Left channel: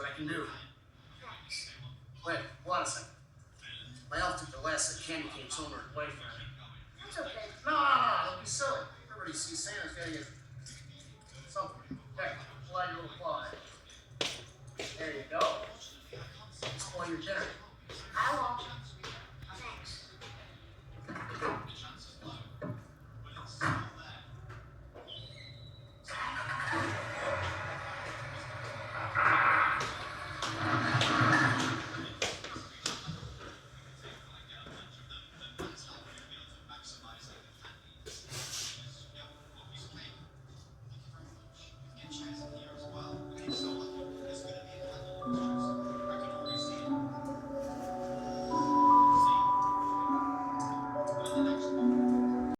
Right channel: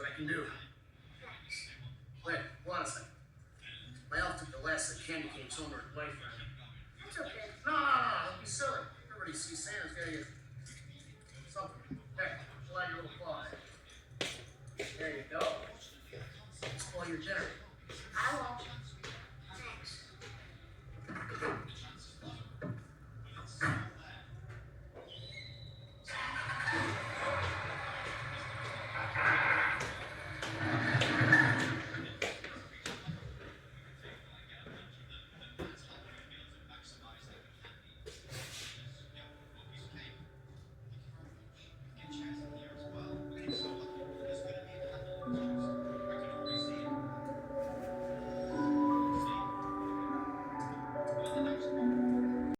what I can do. Wait, hold on a second. My elf took the last of the candy canes home to her boyfriend.